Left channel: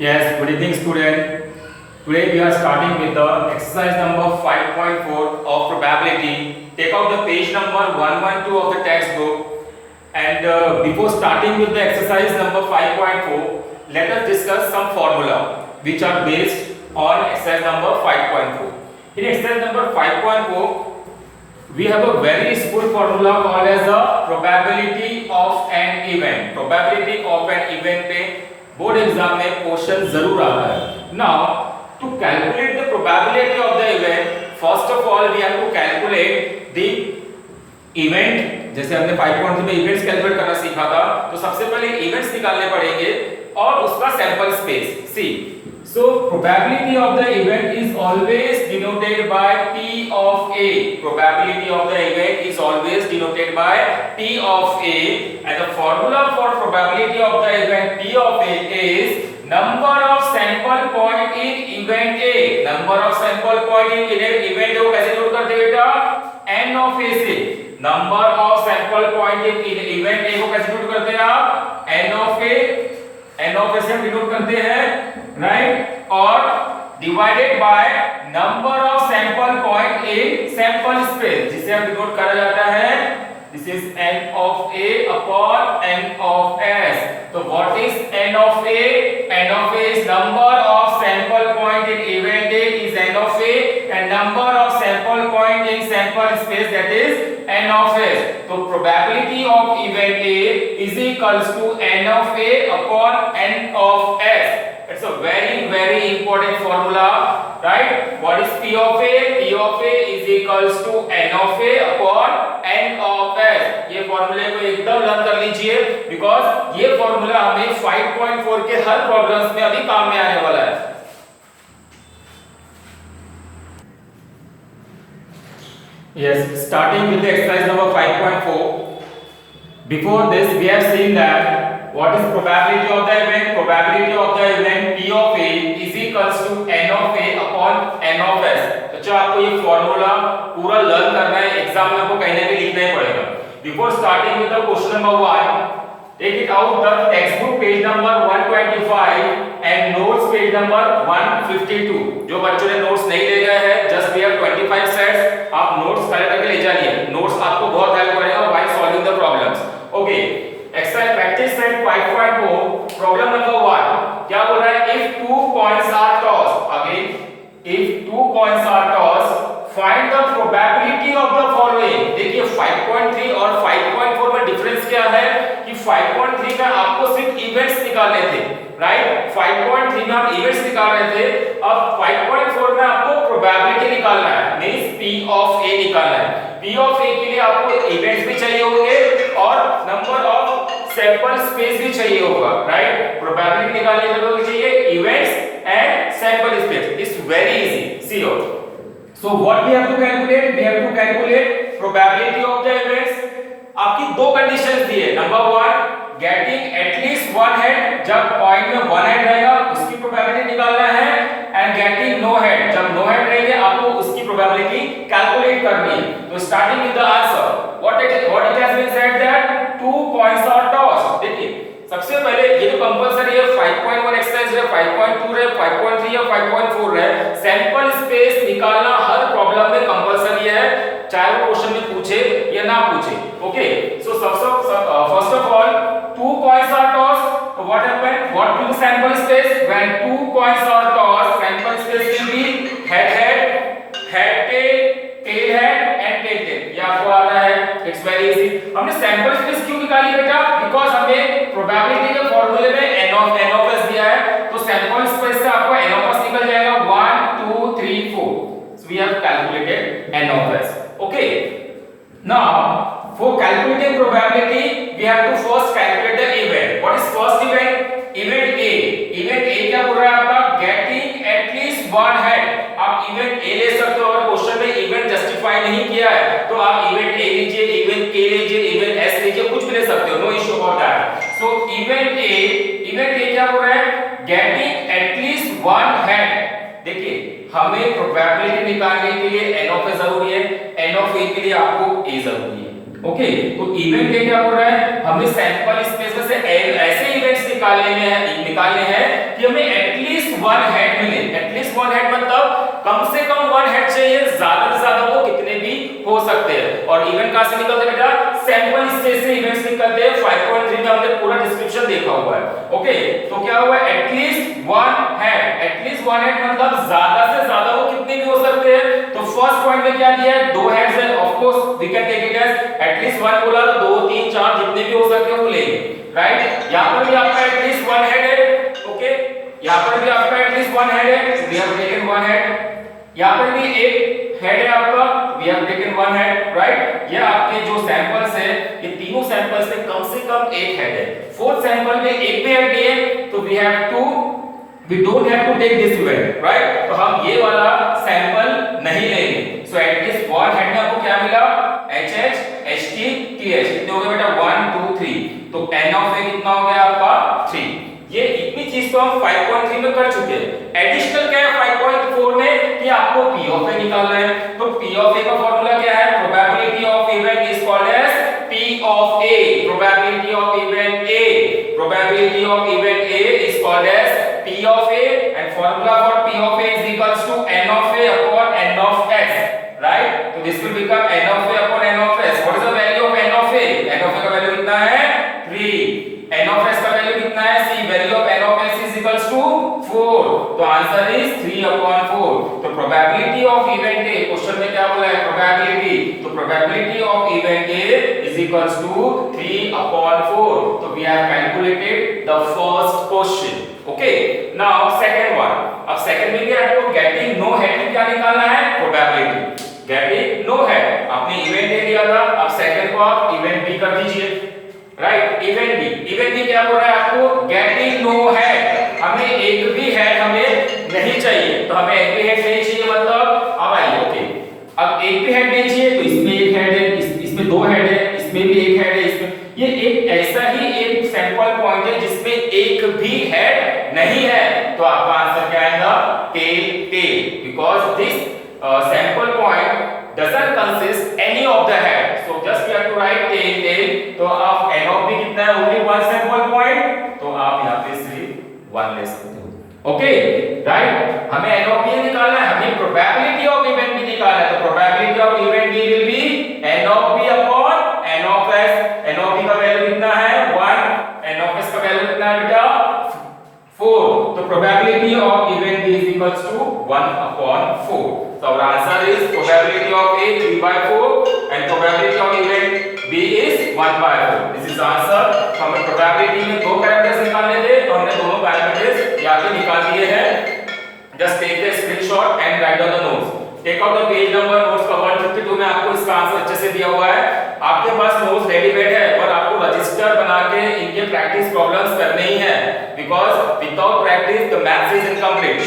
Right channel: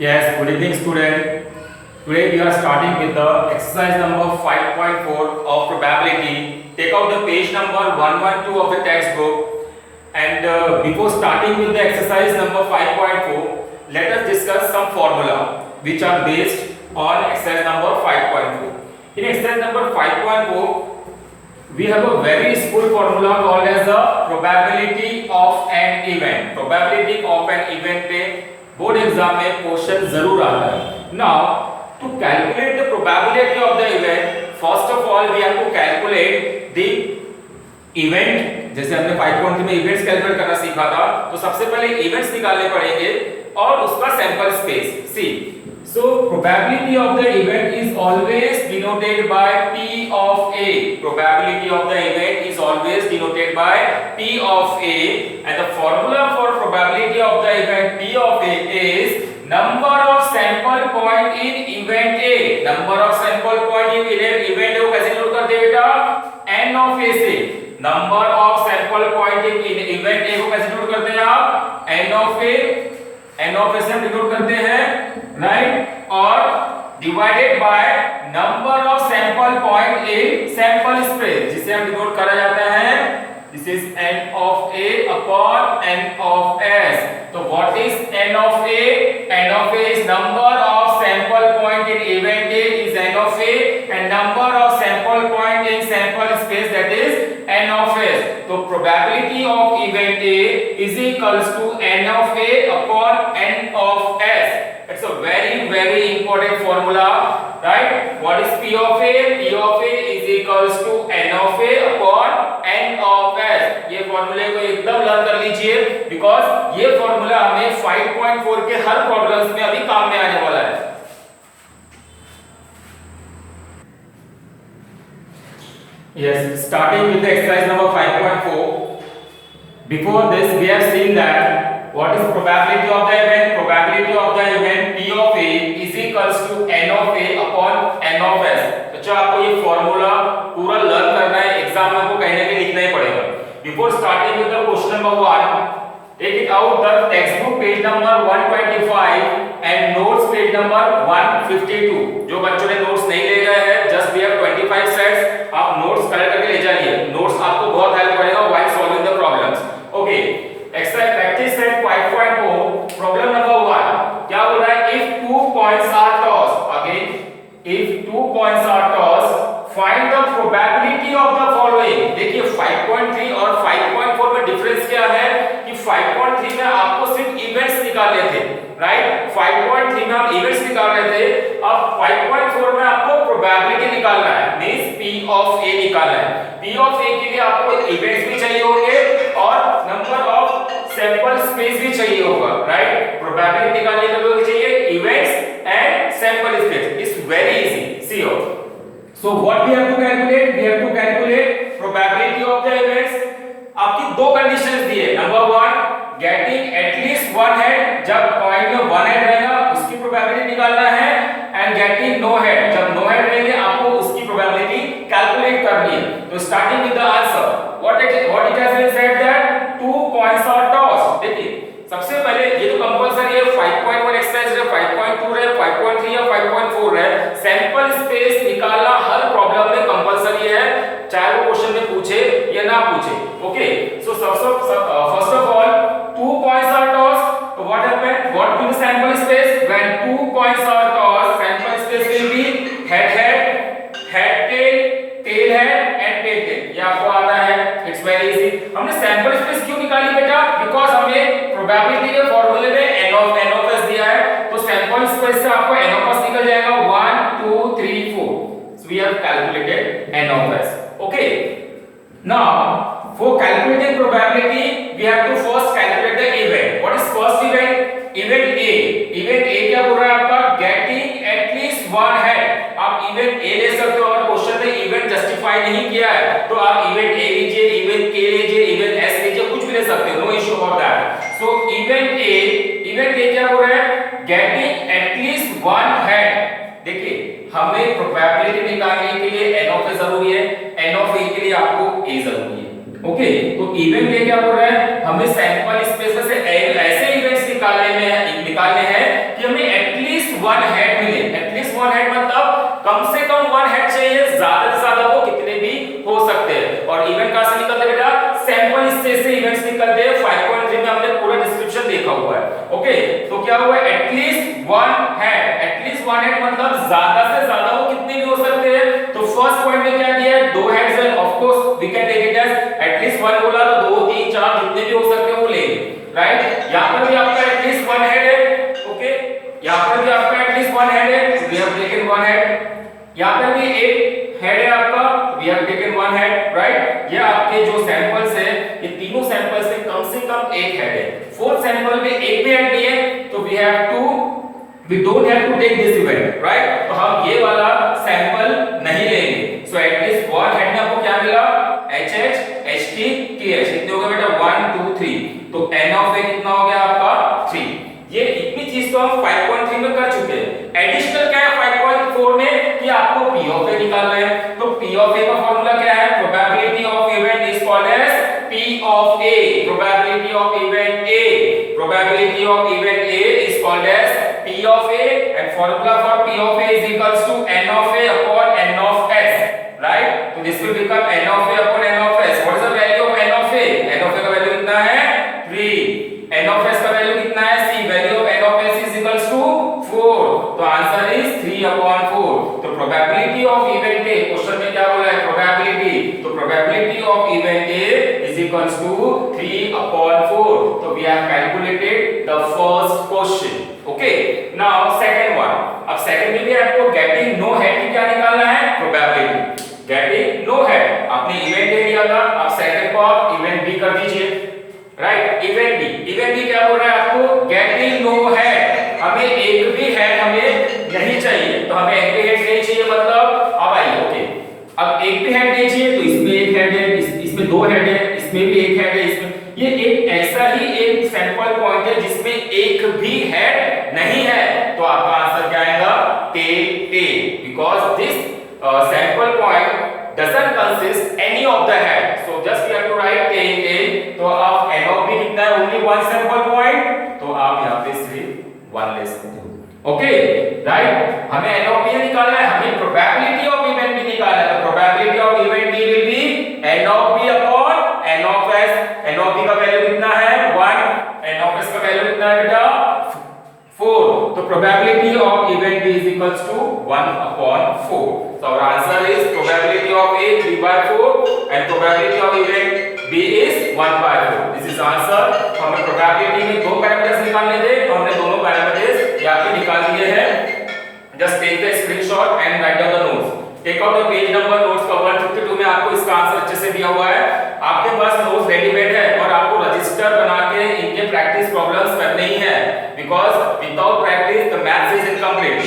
Yes, good evening student. Today we are starting with the exercise number 5.4 of probability. Take out the page number 112 of the textbook, and before starting with the exercise number 5.4, let us discuss some formula which are based on exercise number 5.4. In exercise number 5.4, we have a very useful formula called as the probability of an event. Probability of an event पे board exam में question जरूर आता है. Now to calculate the probability of the event, first of all we have to calculate the event. जैसे हमने 5.3 में events calculate करना सीखा था, तो सबसे पहले इवेंट्स निकालने पड़ेंगे और उसका sample space. See so probability of the event is always denoted by P of A. Probability of the event is always denoted by P of A, and the formula for probability of the event P of A is number of sample point in event A. Number of sample point in event A को कैसे note करते हैं बेटा? N of A से. Number of sample point in event A को कैसे note करते हैं आप? N of A. N of A से हम डिनोट करते हैं, राइट, और divided by number of sample point in sample space, जिसे हम डिनोट करा जाता है, this is N of A upon N of S. तो what is N of A? N of A is number of sample point in event A is N of A, and number of sample point in sample space, that is N of S. तो probability of event A is equals to N of A upon N of S. It's a very important formula, right? What is P of A? P of A is equals to N of A upon N of S. ये फॉर्मूले को एकदम learn कर लीजिए, because ये formula हमें 5.4 के हर problems में अभी काम में आने वाला है. Yes, starting with the exercise number 5.4. Before this, we have seen that what is probability of the event? Probability of the event P of A is equals to N of A upon N of S. तो जो आपको ये formula पूरा learn करना है, exam में आपको कहीं ना कहीं लिखना ही पड़ेगा. Before starting with the question number 1, take it out the textbook page number 125 and notes page number 152. जो बच्चों ने नोट्स नहीं ले गए हैं, just we have 25 sets. आप नोट्स कलेक्ट करके ले जाइए. नोट्स आपको बहुत हेल्प करेगा while solving the problems. Okay, exercise practice set 5.4, problem number 1. क्या बोल रहा है? If 2 coins are tossed, again, if 2 coins are tossed, find the probability of the following. देखिए 5.3 और 5.4 में डिफरेंस क्या है कि 5.3 में आपको सिर्फ इवेंट्स निकालने थे, राइट? 5.3 में हम इवेंट्स निकाल रहे थे, अब 5.4 में आपको प्रोबेबिलिटी निकालना है, मींस P of A निकालना है. P of A के लिए आपको इवेंट्स भी चाहिए होंगे और नंबर ऑफ सैंपल स्पेस भी चाहिए होगा, राइट? प्रोबेबिलिटी निकालने के लिए चाहिए events and sample space. It's very easy. सी हो. So what we have to calculate? We have to calculate probability of the events. आपकी दो कंडीशंस दी है. Number 1, getting at least one head. जब कॉइन में one head रहेगा उसकी probability निकालना है, and getting no head. जब no head रहेंगे आपको उसकी प्रोबेबिलिटी कैलकुलेट करनी है. तो starting with the answer, what it has been said that 2 coins are tossed. देखिए सबसे पहले ये तो कंपलसरी है, 5.1 एक्सरसाइज है, 5.2 है, 5.3 या 5.4 है. सैंपल स्पेस निकालना हर प्रॉब्लम में कंपलसरी है, चाहे वो क्वेश्चन में पूछे या ना पूछे. Okay, so first of all 2 coins are tossed. So what happened? What will be sample space? When 2 coins are tossed, sample space will be head tail, tail head and tail tail. ये आपको आता है. It's very easy. हमने sample space क्यों निकाली बेटा? Because हमें probability के फॉर्मूले में N of S दिया है, तो सैंपल स्पेस से आपको N of S निकल जाएगा 1 2 3 4. So we have calculated N of S. Okay. Now for calculating probability, we have to first calculate the event. What is first event? Event A. Event A क्या बोल रहा है आपका? Getting at least one head. आप event A ले सकते हो. अगर क्वेश्चन में event जस्टिफाई नहीं किया है तो आप event A लीजिए, event K लीजिए, event S लीजिए, कुछ भी ले सकते हो. No issue about that. So event A क्या बोल रहा है? Getting at least one head. देखिए हमें प्रोबेबिलिटी निकालने के लिए N of A जरूरी है, N of A के लिए आपको A जरूरी है. ओके, तो इवेंट ये क्या बोल रहा है? हमें सैंपल स्पेस में से ऐसे इवेंट्स निकालने हैं कि हमें वन हेड मिले, एटलीस्ट वन हेड मतलब कम से कम वन हेड चाहिए, ज्यादा से ज्यादा वो कितने भी हो सकते हैं। और इवेंट कहां से निकलते हैं बेटा, सैंपल स्पेस से इवेंट्स निकलते हैं। 5.3 में हमने पूरा डिस्क्रिप्शन देखा हुआ है। ओके, तो क्या हुआ, at least one head, at least one head मतलब ज्यादा से ज्यादा वो कितने भी हो सकते हैं। तो फर्स्ट पॉइंट में क्या दिया है, दो हेड्स है, of course we can take it as at least one बोला तो 2 3 4 जितने भी हो सकते हैं वो लेंगे, राइट। यहां पर भी आपका एटलीस्ट वन हेड है, ओके, यहां पर भी आपका एटलीस्ट वन हेड है, we have taken one head. यहां पर भी एक हेड है आपका, we have taken one head, right. ये आपके जो सैंपल्स है, ये तीनों सैंपल्स में कम से कम एक हेड है। फोर्थ सैंपल में एक भी हेड नहीं है, तो we have to, we don't have to take this event, right. तो हम ये वाला सैंपल नहीं लेंगे। सो एटलीस्ट वन हेड में आपको क्या मिला, HH HT TH, कितने हो गए बेटा, 1 2 3। तो n ऑफ a कितना हो गया आपका 3। ये इतनी चीज तो हम 5.3 में कर चुके हैं। एडिशनल क्या है 5.4 में कि आपको p ऑफ a निकालना है। तो p ऑफ a का फार्मूला क्या है, probability of event is called as p of a, probability of event a, probability of event a is called as p of a, and formula for p of a is equals to n of a upon n of s, right? So this will become n of a upon n of s. What is the value of n of a? n of a का value कितना है 3, n of s का value कितना है c, value of n of s is equals to 4, तो answer is 3 upon 4। तो probability of event a, question में क्या बोला है, प्रोबेबिलिटी, तो probability of event a is equals to 3 upon 4। तो we have calculated the first question, okay। now second one, अब second में भी आपको गेटिंग नो हेड की क्या निकालना है, प्रोबेबिलिटी। गेटिंग नो हेड आपने इवेंट ए दिया था, अब सेकंड को आप इवेंट बी कर दीजिए, राइट। इवेंट बी क्या बोल रहा है आपको, गेटिंग नो हेड, हमें एक भी हेड हमें नहीं चाहिए, तो हमें एक भी हेड नहीं चाहिए मतलब, अब आइए, ओके, अब एक भी हेड नहीं चाहिए तो इसमें एक हेड है, इसमें दो हेड है, इसमें भी एक हेड है, इसमें, ये एक ऐसा ही एक सैंपल पॉइंट है जिसमें एक भी हेड नहीं है, तो आपका आंसर क्या आएगा, टे, because this sample point doesn't consist any of the head, so just we have to write टे। तो अब n of b कितना है, only one sample point, तो आप यहाँ पे सिर्फ 1 ले सकते हो, ओके, राइट। हमें n of b निकालना है, हमें प्रोबेबिलिटी ऑफ इवेंट भी निकालना है, तो probability of event b will be n of b upon n of s। n of b का वैल्यू कितना है 1, n of s का वैल्यू कितना है बेटा 4, तो probability of event b is equals to 1 upon 4। So our answer is probability of A 3/4 and probability of event B is 1/4। This is answer। तो हमें probability में दो पैरामीटर्स निकालने थे, तो हमने दोनों पैरामीटर्स यहाँ पे निकाल दिए हैं। Just take the screenshot and write down the notes। Take out the page number notes का 152 में आपको इसका आंसर अच्छे से दिया हुआ है। आपके पास नोट्स रेडीमेड है और आपको रजिस्टर बना के इनके प्रैक्टिस प्रॉब्लम्स करने ही है, because without practice the math is incomplete।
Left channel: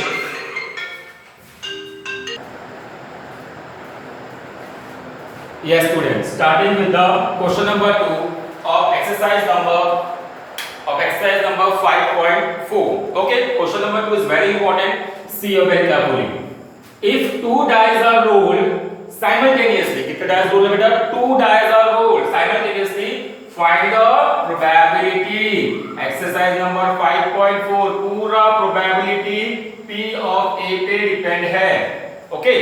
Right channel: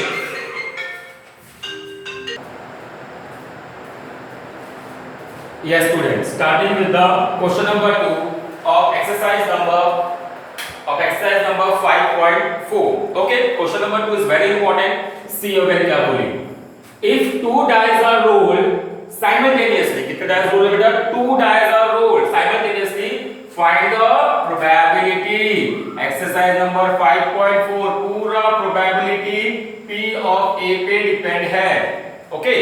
Yes students, starting with the question number 2 of exercise number 5.4। okay, question number 2 is very important। see over क्या बोली, if two dice are rolled simultaneously, कितने dice roll है बेटा, 2 dice are rolled simultaneously, find the probability। exercise number 5.4 पूरा probability p of a पे depend है, okay।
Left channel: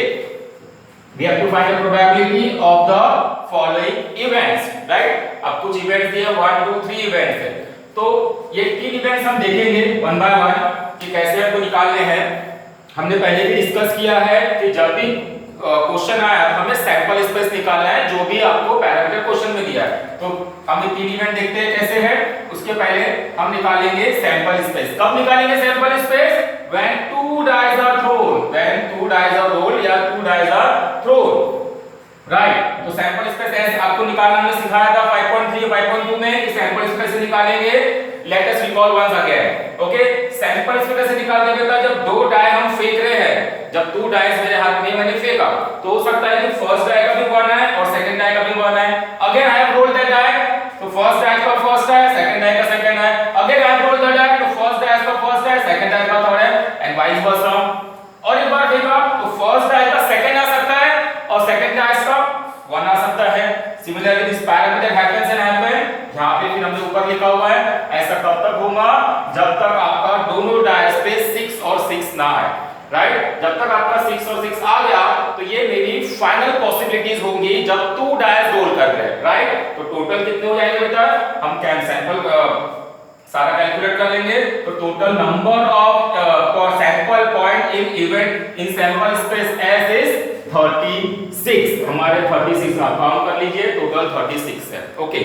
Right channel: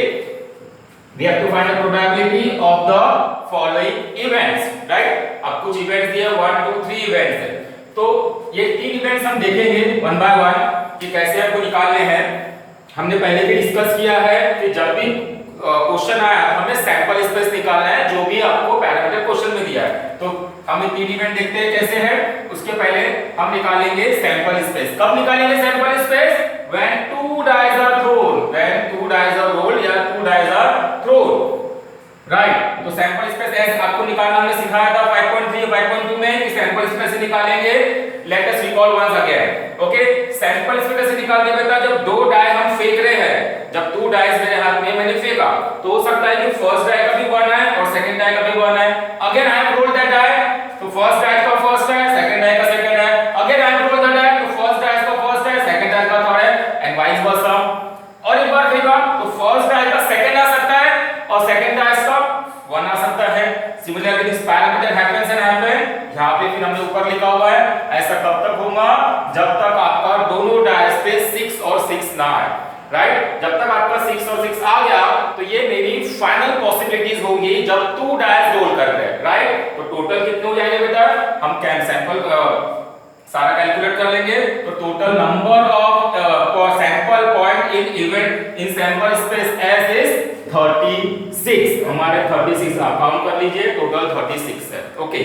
We have to find the probability of the following events, right? अब कुछ events दिए 1 2 3 events है, तो ये 3 events हम देखेंगे वन बाय वन कि कैसे आपको निकालने हैं। हमने पहले भी डिस्कस किया है कि जब भी क्वेश्चन आया तो हमने सैंपल स्पेस निकालना है जो भी आपको पैरामीटर क्वेश्चन में दिया है। तो हम ये 3 इवेंट देखते हैं कैसे है, उसके पहले हम निकालेंगे सैंपल स्पेस। कब निकालेंगे sample space, when 2 dice are thrown, when 2 dice are rolled या 2 dice are thrown, right। तो सैंपल स्पेस ऐसे आपको निकालना हमने सिखाया था 5.3 5.2 में कि सैंपल स्पेस से निकालेंगे। Let us recall once again, okay. Sample space कैसे निकालते हैं बेटा, जब दो डाई हम फेंक रहे हैं, जब 2 डाइस मेरे हाथ में मैंने फेंका तो हो सकता है कि फर्स्ट डाई का भी वन है और सेकंड डाई का भी वन है। Again I have rolled that die, तो फर्स्ट डाई का फर्स्ट है, सेकंड डाई का सेकंड है। Again I have rolled that die, तो फर्स्ट डाई का फर्स्ट है, सेकंड डाई का थर्ड है, एंड वाइस वर्सा। और एक बार फेंका तो फर्स्ट डाई का सेकंड आ सकता है और सेकंड डाई का 1 आ सकता है। Similarly this parameter happens and happen, यहाँ पे फिर हमने ऊपर लिखा हुआ है ऐसा कब तक होगा जब तक आपका दोनों डायस पे 6 और 6 ना आए, राइट। जब तक आपका 6 और 6 आ गया तो ये मेरी फाइनल पॉसिबिलिटीज होंगी जब 2 डायस रोल कर रहे हैं, राइट। तो टोटल कितने हो जाएंगे बेटा, हम कैम सैंपल सारा कैलकुलेट कर लेंगे। तो total number of sample point in event in sample space S is 36। हमारे 36 आप काउंट कर लीजिए, टोटल 36 है। ओके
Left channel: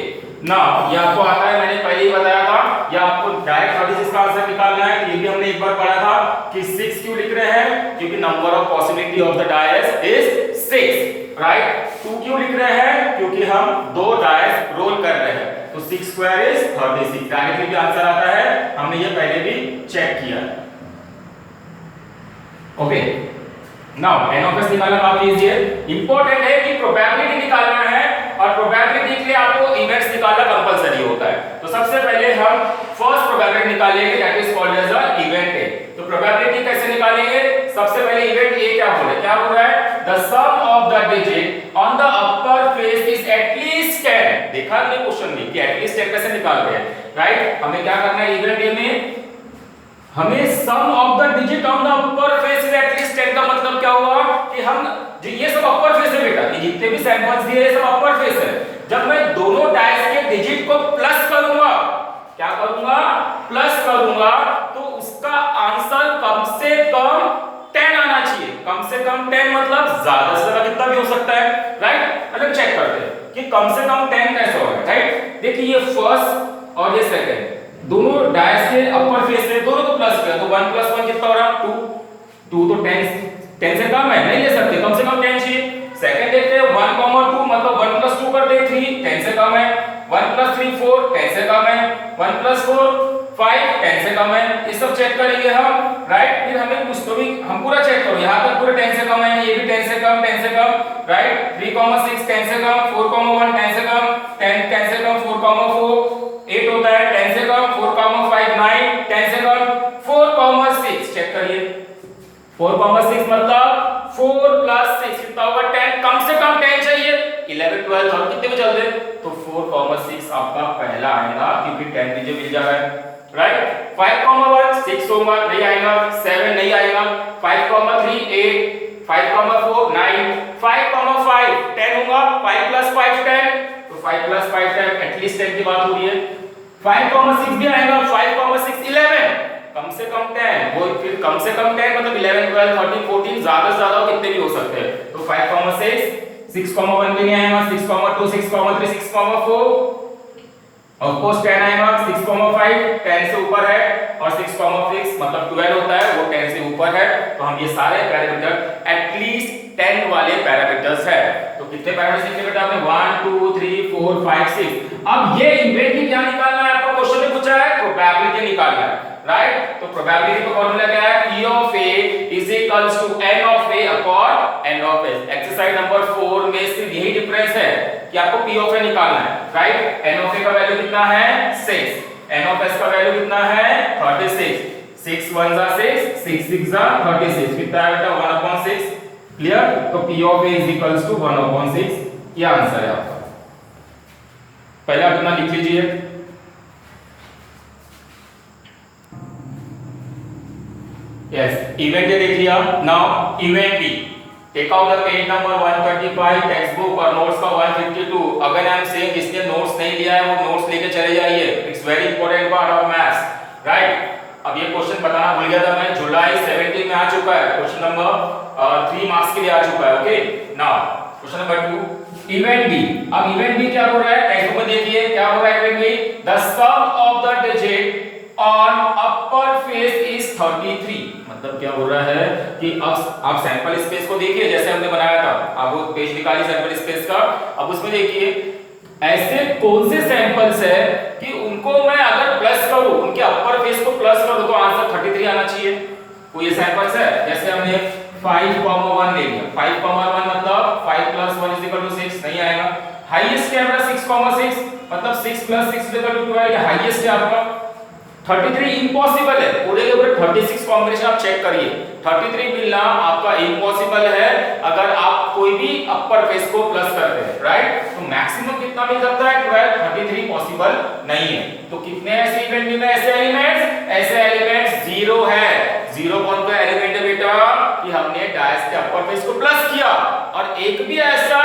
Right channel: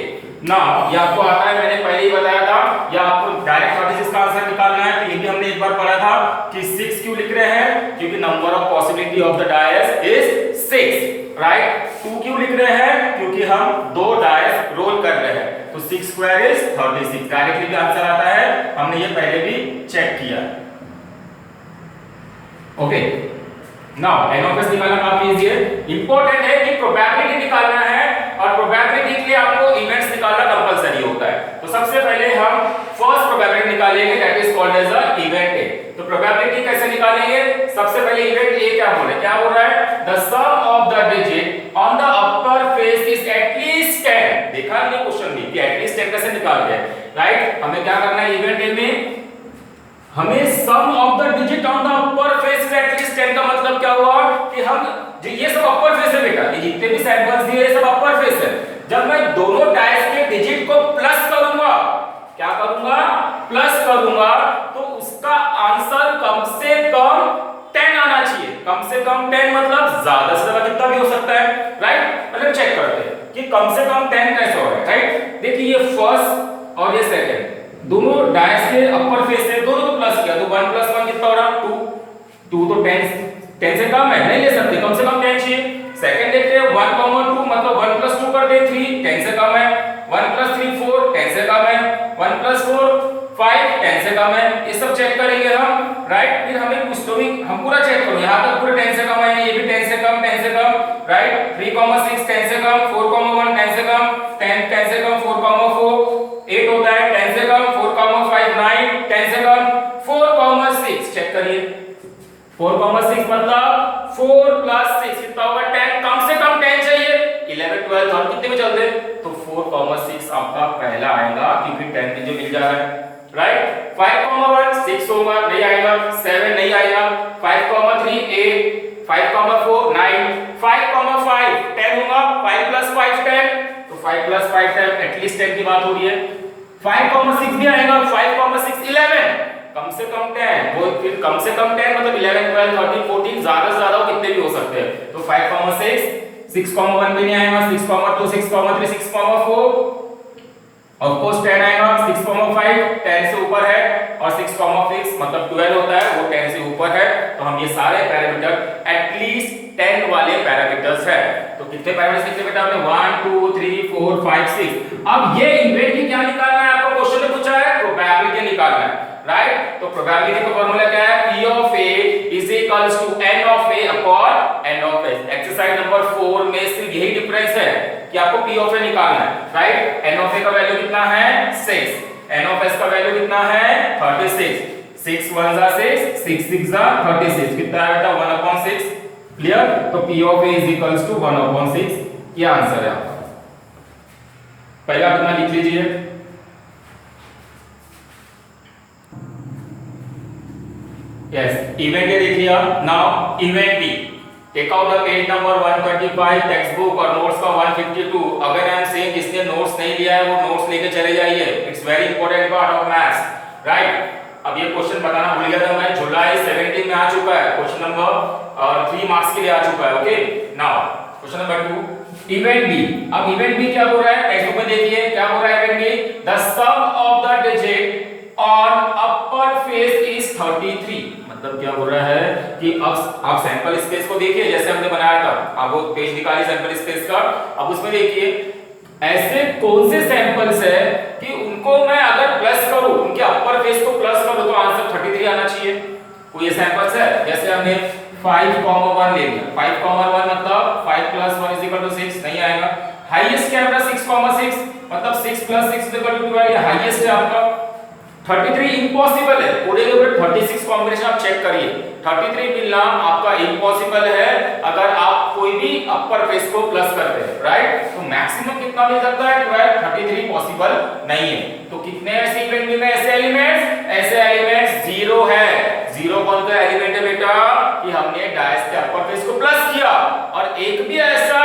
ना, ये आपको आता है, मैंने पहले ही बताया था, या आपको डायरेक्ट 36 का आंसर निकालना है। तो ये भी हमने एक बार पढ़ा था कि 6 क्यों लिख रहे हैं, क्योंकि number of possibility of the dice is 6, right. 2 क्यों लिख रहे हैं, क्योंकि हम 2 डायस रोल कर रहे हैं। तो 6 स्क्वायर इज 36, डायरेक्टली भी आंसर आता है, हमने ये पहले भी चेक किया। Okay now N of S निकालना काफी इजी है। इंपॉर्टेंट है कि प्रोबेबिलिटी निकालना है, और प्रोबेबिलिटी के लिए आपको इवेंट्स निकालना कंपलसरी होता है। तो सबसे पहले हम फर्स्ट प्रोबेबिलिटी निकालेंगे, that is called as a event A. तो प्रोबेबिलिटी कैसे निकालेंगे, सबसे पहले इवेंट ए क्या बोल रहा है, the sum of the digit on the upper face is at least 10। देखा हमने क्वेश्चन में कि एटलीस्ट 10 कैसे निकालते हैं, राइट। हमें क्या करना है इवेंट ए में, हमें sum of the digit on the upper face is at least 10 का मतलब क्या हुआ कि हम ये सब अपर फेस है बेटा, ये जितने भी सैंपल्स दिए सब अपर फेस है। जब मैं दोनों डायस के डिजिट को प्लस करूंगा, क्या करूंगा, प्लस करूंगा, तो उसका आंसर कम से कम 10 आना चाहिए। कम से कम 10 मतलब ज्यादा से ज्यादा कितना भी हो सकता है, राइट। मतलब चेक करते हैं कि कम से कम 10 कैसे हो रहा है, राइट। देखिए ये फर्स्ट और ये सेकंड दोनों डायस के अपर फेस से दोनों को प्लस किया, तो 1 + 1 कितना हो रहा, 2 तो 10 से कम है, नहीं ले सकते, कम से कम 10 चाहिए। सेकंड देखते हैं 1, 2 मतलब 1 + 2 कर दे 3, 10 से कम है। 1 + 3 4, 10 से कम है। 1 + 4 5, 10 से कम है। ये सब चेक करेंगे हम, राइट। फिर हमें कुछ तो भी हम पूरा चेक करो, यहाँ तक पूरे 10 से कम है, ये भी 10 से कम, 10 से कम, राइट। 3, 6 10 से कम, 4, 1 10 से कम, 10 से कम, 4, 4 8 होता है, 10 से कम, 4, 5 9 10 से कम, 4, 6 चेक करिए, 4, 6 मतलब 4 + 6 कितना होगा 10, कम से कम 10 चाहिए। 11 12 हम कितने में चलते, तो 4, 6 आपका पहला आएगा, क्योंकि 10 मुझे मिल जा रहा है, राइट। 5, 1 6 होगा, नहीं आएगा। 7 नहीं आएगा। 5, 3 8, 5, 4 9, 5, 5 10 होगा। 5 + 5 10, तो 5 + 5 10, एटलीस्ट 10 की बात हो रही है। 5, 6 भी आएगा। 5, 6 11, कम से कम 10, वो फिर कम से कम 10 मतलब 11 12 13 14, ज्यादा से ज्यादा कितने भी हो सकते हैं। तो 5, 6 1 भी नहीं आएगा। 6, 2 6, 3 6, 4 ऑफ कोर्स 10 आएगा। 6, 5 10 से ऊपर है, और 6, 6 मतलब 12 होता है, वो 10 से ऊपर है। तो हम ये सारे पैरामीटर एटलीस्ट 10 वाले पैरामीटर्स है। तो कितने पैरामीटर्स लिखे बेटा आपने, 1 2 3 4 5 6। अब ये इवेंट क्या निकालना है, आपको क्वेश्चन में पूछा है प्रोबेबिलिटी निकालना है, राइट। तो प्रोबेबिलिटी का फार्मूला क्या है, P of A is equals to N of A upon N of S। Exercise number 4 में सिर्फ यही डिफरेंस है कि आपको P of A निकालना है, राइट। N of A का वैल्यू कितना है 6, N of S का वैल्यू कितना है 36। 6 1 जा 6, 6 6 जा 36, कितना है बेटा 1/6, क्लियर। तो P of A is equals to 1/6, ये आंसर है आपका। पहले आप इतना लिख लीजिए। Yes, event A देख लिया। Now event B, take out the page number 125 text book और नोट्स का 152। अगर आई एम सेइंग जिसने नोट्स नहीं लिया है वो नोट्स लेके चले जाइए, it's very important part of maths, right. अब ये क्वेश्चन बताना भूल गया था मैं, जुलाई 17 में आ चुका है, क्वेश्चन नंबर 3 मार्क्स के लिए आ चुका है। Okay now question number 2 event B. अब इवेंट बी क्या हो रहा है, टेक्स्ट बुक में देखिए क्या हो रहा है event B, the sum of the digit on upper face is 33। मतलब क्या हो रहा है कि अब आप सैंपल स्पेस को देखिए, जैसे हमने बनाया था, आप वो पेज निकालिए सैंपल स्पेस का। अब उसमें देखिए ऐसे कौन से सैंपल्स है कि उनको मैं अगर प्लस करूं, उनके अपर फेस को प्लस करूं तो आंसर 33 आना चाहिए। कोई ये सैंपल्स है, जैसे हमने 5, 1 ले लिया। 5, 1 मतलब 5 + 1 = 6, नहीं आएगा। हाईएस्ट क्या है 6, 6 मतलब 6 + 6 = 12, ये हाईएस्ट है आपका, 33 इम्पॉसिबल है, पूरे के पूरे 36 कॉम्बिनेशन आप चेक करिए, 33 मिलना आपका इम्पॉसिबल है अगर आप कोई भी अपर फेस को प्लस करते हैं, राइट। तो मैक्सिमम कितना मिल सकता है 12, 33 पॉसिबल नहीं है। तो कितने ऐसे इवेंट में ऐसे एलिमेंट्स 0 है। 0 कौन सा एलिमेंट है बेटा कि हमने डायस के अपर फेस को प्लस किया, और एक भी ऐसा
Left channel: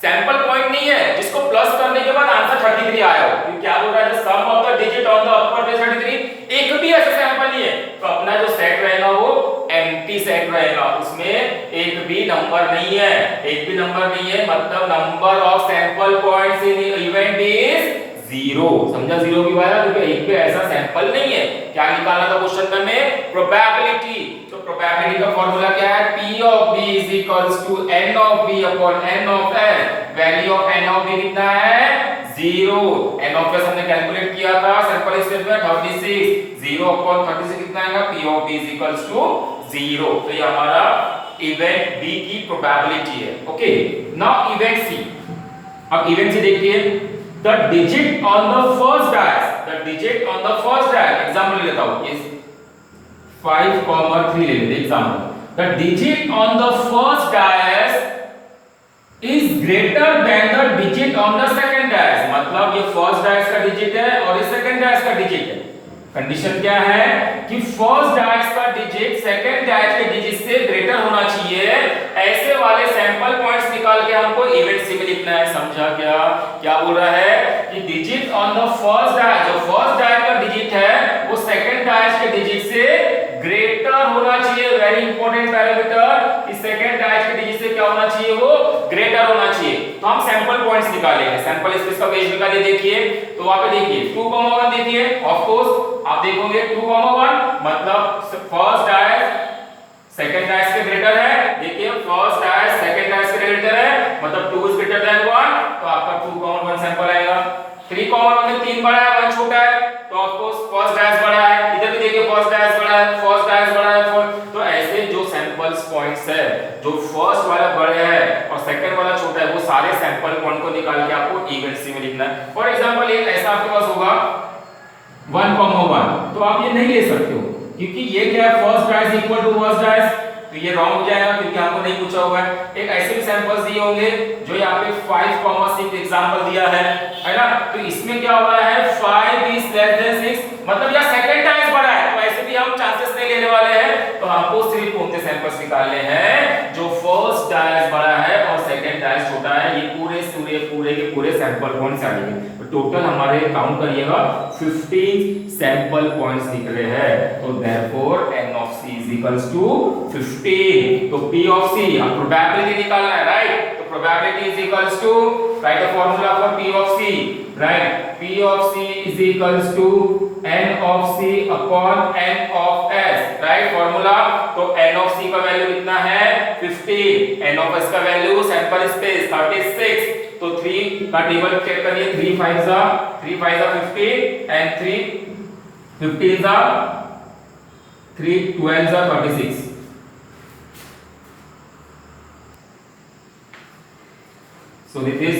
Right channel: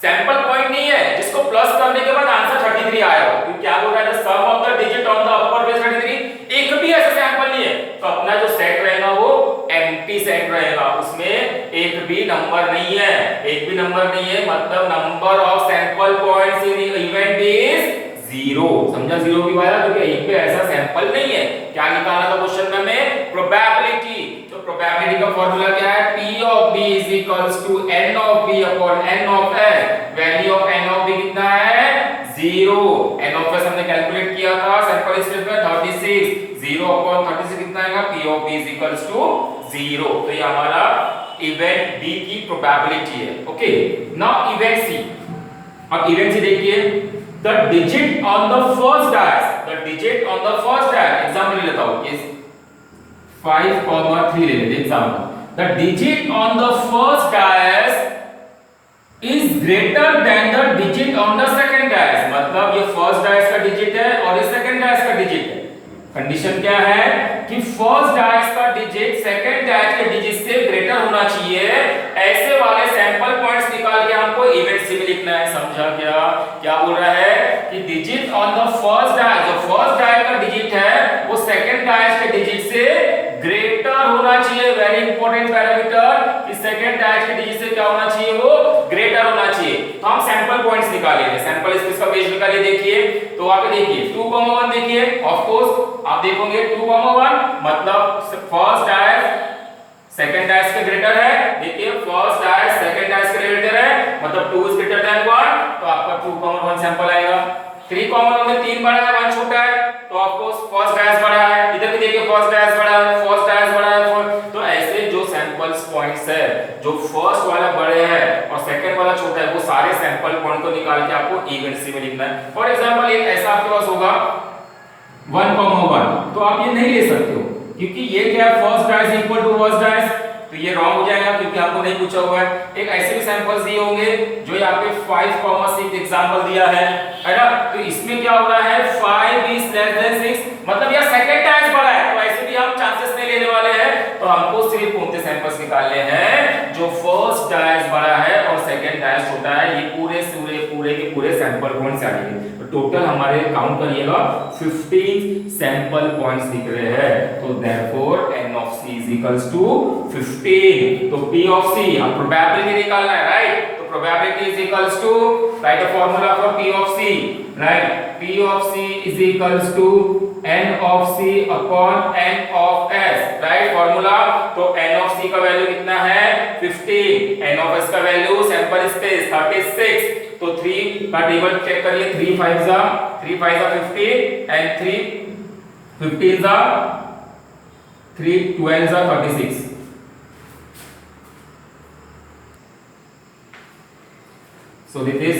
सैंपल पॉइंट नहीं है जिसको प्लस करने के बाद आंसर 33 आया हो। क्योंकि क्या बोल रहा है, sum of the digit on the upper face 33, एक भी ऐसा सैंपल नहीं है। तो अपना जो सेट रहेगा वो एम्प्टी सेट रहेगा, उसमें एक भी नंबर नहीं है, एक भी नंबर नहीं है, मतलब number of sample points in event is 0। समझा 0 की बात, क्योंकि एक भी ऐसा सैंपल नहीं है। क्या निकालना था क्वेश्चन में, प्रोबेबिलिटी। तो प्रोबेबिलिटी का फार्मूला क्या है, P of B is equals to N of B upon N of S। Value of N of B कितना है 0। N of S हमने कैलकुलेट किया था सैंपल स्पेस में 36, 0 upon 36 कितना आएगा, P of B is equals to 0। तो ये हमारा इवेंट B की प्रोबेबिलिटी है। Okay, now event C। अब इवेंट C देखिए, the digit on the first dice, the digit on the first dice, example ले लेता हूं, ये 5,3 ले लेते example. the digit on the first dice is greater than the digit on the second dice। मतलब ये first dice का digit है और ये सेकंड डायस का डिजिट है। कंडीशन क्या है कि फर्स्ट डायस का डिजिट सेकंड डायस के डिजिट से ग्रेटर होना चाहिए। ऐसे वाले सैंपल पॉइंट्स निकाल के हमको इवेंट सी में लिखना है। समझा क्या, क्या बोल रहा है कि digit on the first dice, जो फर्स्ट डायस का डिजिट है वो सेकंड डायस के डिजिट से ग्रेटर होना चाहिए। वेरी इंपॉर्टेंट पैरामीटर कि सेकंड डायस के डिजिट से क्या होना चाहिए, वो ग्रेटर होना चाहिए। तो हम सैंपल पॉइंट्स निकालेंगे, सैंपल स्पेस का पेज निकालिए। देखिए तो वहां पे देखिए 2,1 देखिए, ऑफ कोर्स आप देखोगे 2,1 मतलब फर्स्ट डायस सेकंड डायस के ग्रेटर है। देखिए फर्स्ट डायस सेकंड डायस के ग्रेटर है, मतलब 2 इज ग्रेटर देन 1, तो आपका 2,1 सैंपल आएगा। 3,1 में 3 बड़ा है 1 छोटा है, तो ऑफ कोर्स फर्स्ट डायस बड़ा है। इधर भी देखिए फर्स्ट डायस बड़ा है, फर्स्ट डायस बड़ा है। तो ऐसे जो सैंपल्स पॉइंट्स है, जो फर्स्ट वाला बड़े है और सेकंड वाला छोटा है, वो सारे सैंपल पॉइंट को निकाल के आपको इवेंट सी में लिखना है। फॉर एग्जांपल एक ऐसा आपके पास होगा 1,1, तो आप ये नहीं ले सकते हो क्योंकि ये क्या है, first dice equal to first dice, तो ये रॉन्ग हो जाएगा क्योंकि हमको नहीं पूछा हुआ है। एक ऐसे भी सैंपल्स दिए होंगे जो यहाँ पे 5,6 एग्जांपल दिया है ना, तो इसमें क्या हो रहा है 5 is less than 6, मतलब यह सेकंड डायस बड़ा है, तो ऐसे भी हम चांसेस नहीं लेने वाले हैं। तो हमको सिर्फ कौन से सैंपल्स निकालने हैं जो फर्स्ट डायस बड़ा है और सेकंड डायस छोटा है। ये पूरे के पूरे सैंपल पॉइंट्स आएंगे। तो टोटल हमारे काउंट करिएगा 15 सैंपल पॉइंट्स दिख रहे हैं। तो therefore n of c is equals to 15। तो p of c, अब प्रोबेबिलिटी निकालना है, राइट। तो probability is equals to, write the formula for p of c, right। p of c is equals to n of c upon n of s, right formula। तो n of c का value कितना है 15, n of s का value sample space 36। तो 3 का table check करिए, 3 5 जा 15 and 3 15 जा 3 12 जा 36। So this is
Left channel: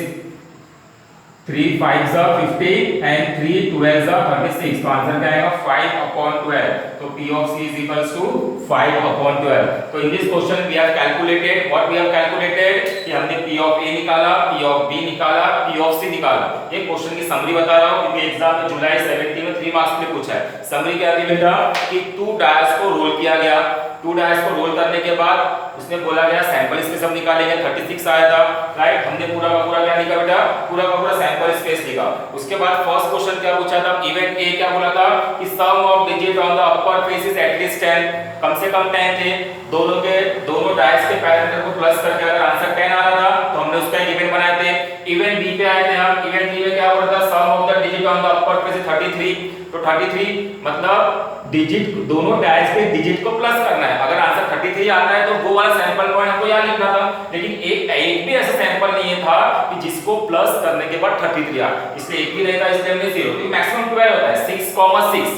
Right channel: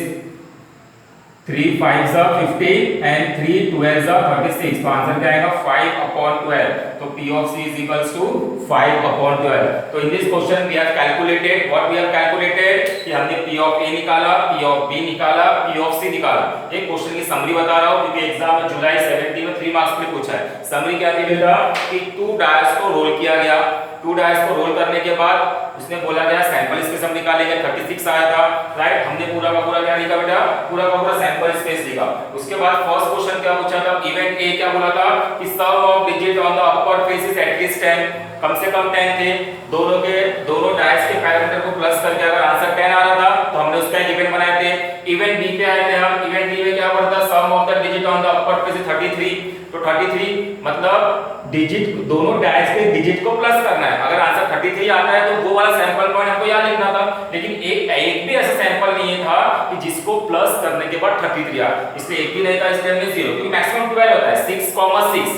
3 5 जा 15 and 3 12 जा 36। तो आंसर क्या आएगा 5/12। तो P of C is equals to 5/12। तो in this question we have calculated what we have calculated कि हमने P of A निकाला, P of B निकाला, P of C निकाला। ये क्वेश्चन की समरी बता रहा हूँ क्योंकि एग्जाम में जुलाई 17 में 3 मार्क्स में पूछा है। समरी क्या दी बेटा कि 2 डायस को रोल किया गया, 2 डायस को रोल करने के बाद उसने बोला गया सैंपल स्पेस हम निकालेंगे, 36 आया था, राइट। हमने पूरा का पूरा क्या लिखा बेटा, पूरा का पूरा सैंपल स्पेस लिखा। उसके बाद फर्स्ट क्वेश्चन क्या पूछा था, इवेंट ए क्या बोला था कि sum of digit on the upper face is at least 10, कम से कम 10 थे। दोनों डायस के पैरामीटर को प्लस करके अगर आंसर 10 आ रहा था तो हमने उसका एक इवेंट बनाए थे। इवेंट बी पे आए थे हम, इवेंट बी में क्या बोला था, sum of the digit on the upper face is 33। तो 33 मतलब डिजिट, दोनों डायस के डिजिट को प्लस करना है। अगर आंसर 33 आता है तो वो वाला सैंपल पॉइंट हमको यहाँ लिखना था, लेकिन एक भी ऐसा सैंपल नहीं था कि जिसको प्लस करने के बाद 33 आ, इसलिए एक भी नहीं था, इसलिए हमने 0। तो मैक्सिमम 12 होता है 6,6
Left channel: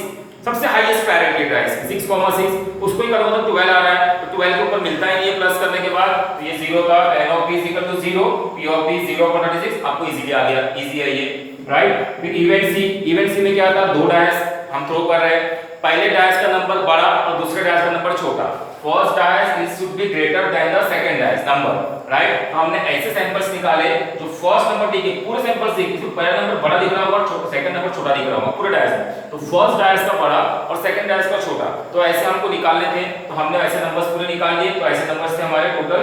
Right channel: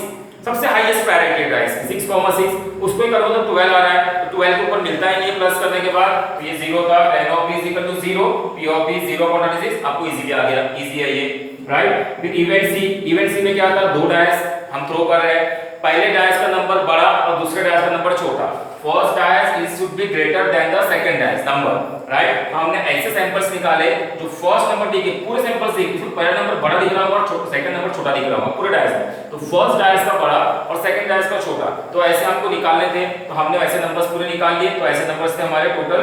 सबसे हाईएस्ट प्रायोरिटी डायस 6,6, उसको ही करो तो 12 आ रहा है। तो 12 के ऊपर मिलता ही नहीं है प्लस करने के बाद, तो ये 0 था। n of p is equal to 0, p of p 0/36 आपको इजीली आ गया, इजी है ये। राइट। फिर इवेंट सी में क्या था, दो डायस हम थ्रो कर रहे हैं, पहले डायस का नंबर बड़ा और दूसरे डायस का नंबर छोटा। First dice is should be greater than the second dice number, right. हमने ऐसे सैंपल्स निकाले जो फर्स्ट नंबर दिखे, पूरे सैंपल्स दिखे, इसमें पहला नंबर बड़ा दिख रहा होगा और सेकंड नंबर छोटा दिख रहा होगा पूरे डायस में, तो फर्स्ट डायस का बड़ा और सेकंड डायस का छोटा, तो ऐसे हमको निकालने थे, तो हमने ऐसे नंबर्स पूरे निकाल लिए। तो ऐसे नंबर्स थे हमारे total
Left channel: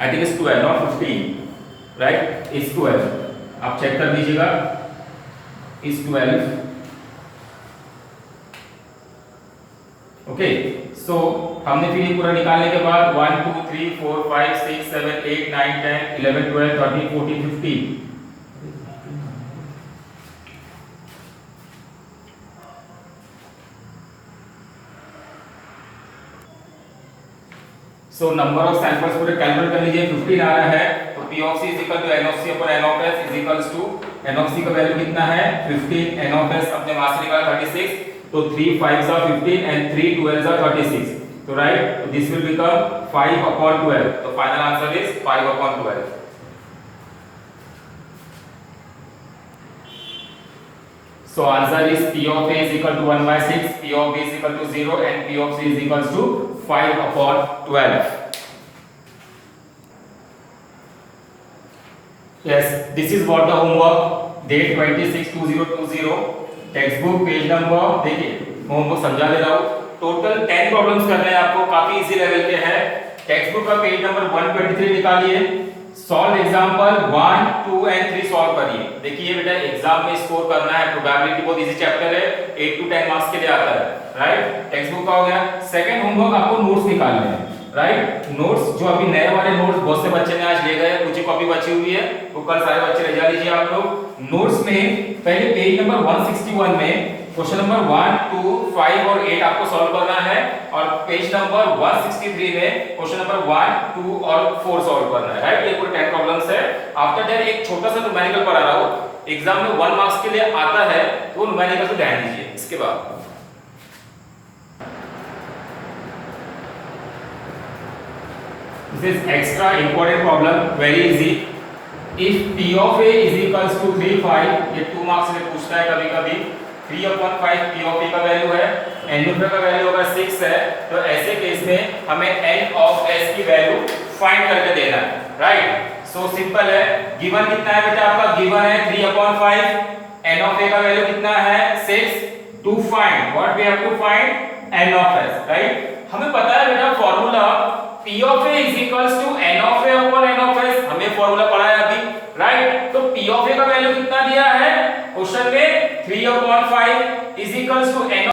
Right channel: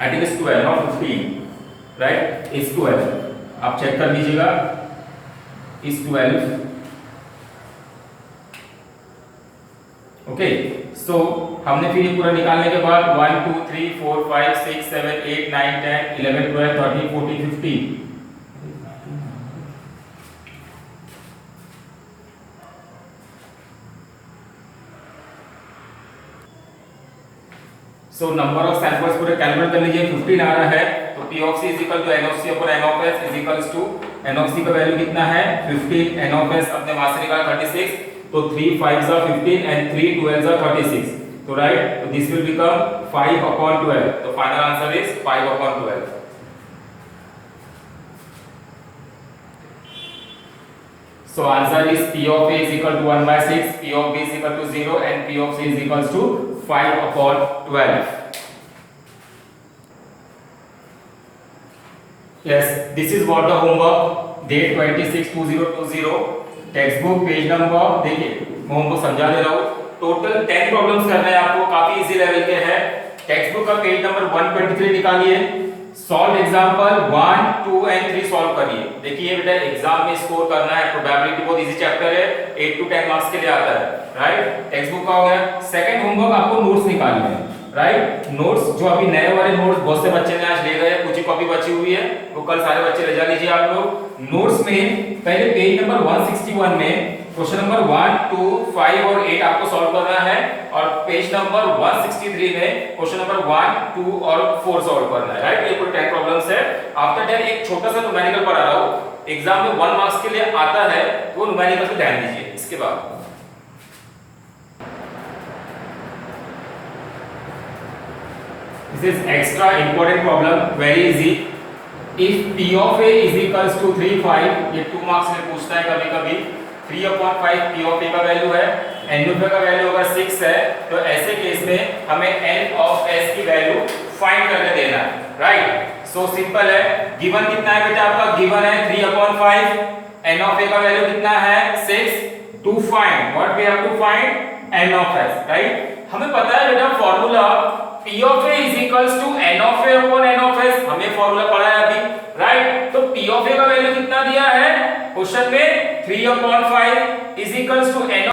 I think is 12 not 15, right, is 12, आप चेक कर लीजिएगा, इज 12। ओके, सो हमने फिर ये पूरा निकालने के बाद 1 2 3 4 5 6 7 8 9 10 11 12 13 14 15, सो नंबर ऑफ सैंपल्स पूरे कैलकुलेट कर लीजिए। 15 आ रहा है, तो P of C is equal to N of C upon N of S is equals to N of C का वैल्यू कितना है 15, N of S अपने वहां से निकाला 36, तो 3 5s are 15 and 3 12s are 36, तो राइट, तो दिस विल बिकम 5 upon 12, तो final answer is 5 upon 12। So answer is P of A is equal to 1 by 6, P of B is equal to 0 and P of C is equals to 5 upon 12. Yes, this is what the homework, date 26/2020, textbook page number, देखिए मैं homework समझा दे रहा हूँ, total 10 problems करने हैं आपको, काफी easy level के हैं। टेक्स्ट बुक का पेज नंबर 123 निकालिए, सॉल्व एग्जांपल 1 2 एंड 3 सॉल्व करिए। देखिए बेटा एग्जाम में स्कोर करना है, प्रोबेबिलिटी बहुत इजी चैप्टर है, 8 to 10 मार्क्स के लिए आता है, राइट। टेक्स्ट बुक का हो गया। सेकंड होमवर्क आपको नोट्स निकालने हैं, राइट। नोट्स जो अभी नए वाले नोट्स बहुत से बच्चे ने आज ले गए, कुछ ही कॉपी बची हुई है, वो कल सारे बच्चे ले जा लीजिए आप लोग। नोट्स में पहले पेज नंबर 161 में क्वेश्चन नंबर 1 2 5 और 8 आपको सॉल्व करना है, और पेज नंबर 163 में क्वेश्चन नंबर 1 2 और 4 सॉल्व करना है, राइट। ये पूरे 10 प्रॉब्लम्स है। आफ्टर दैट एक छोटा सा न्यूमेरिकल पढ़ा रहा हूं, एग्जाम में 1 मार्क्स के लिए आता है, वो न्यूमेरिकल पे ध्यान दीजिए। इसके बाद this is extra important problem, very easy. If P of A is equals to 3 5, ये 2 मार्क्स में पूछता है कभी कभी। 3 upon 5 P of A का वैल्यू है, N of A का वैल्यू होगा 6 है, तो ऐसे केस में हमें N of S की वैल्यू फाइंड करके देना है, राइट। सो सिंपल है, गिवन कितना है बेटा आपका, गिवन है 3 upon 5, N of A का वैल्यू कितना है 6, to find what we have to find N of S, right. हमें पता है बेटा formula P of A is equals to N of A upon N of S, हमें formula पढ़ा है अभी, राइट। तो P of A का वैल्यू कितना दिया है क्वेश्चन में 3 upon 5 is equals to N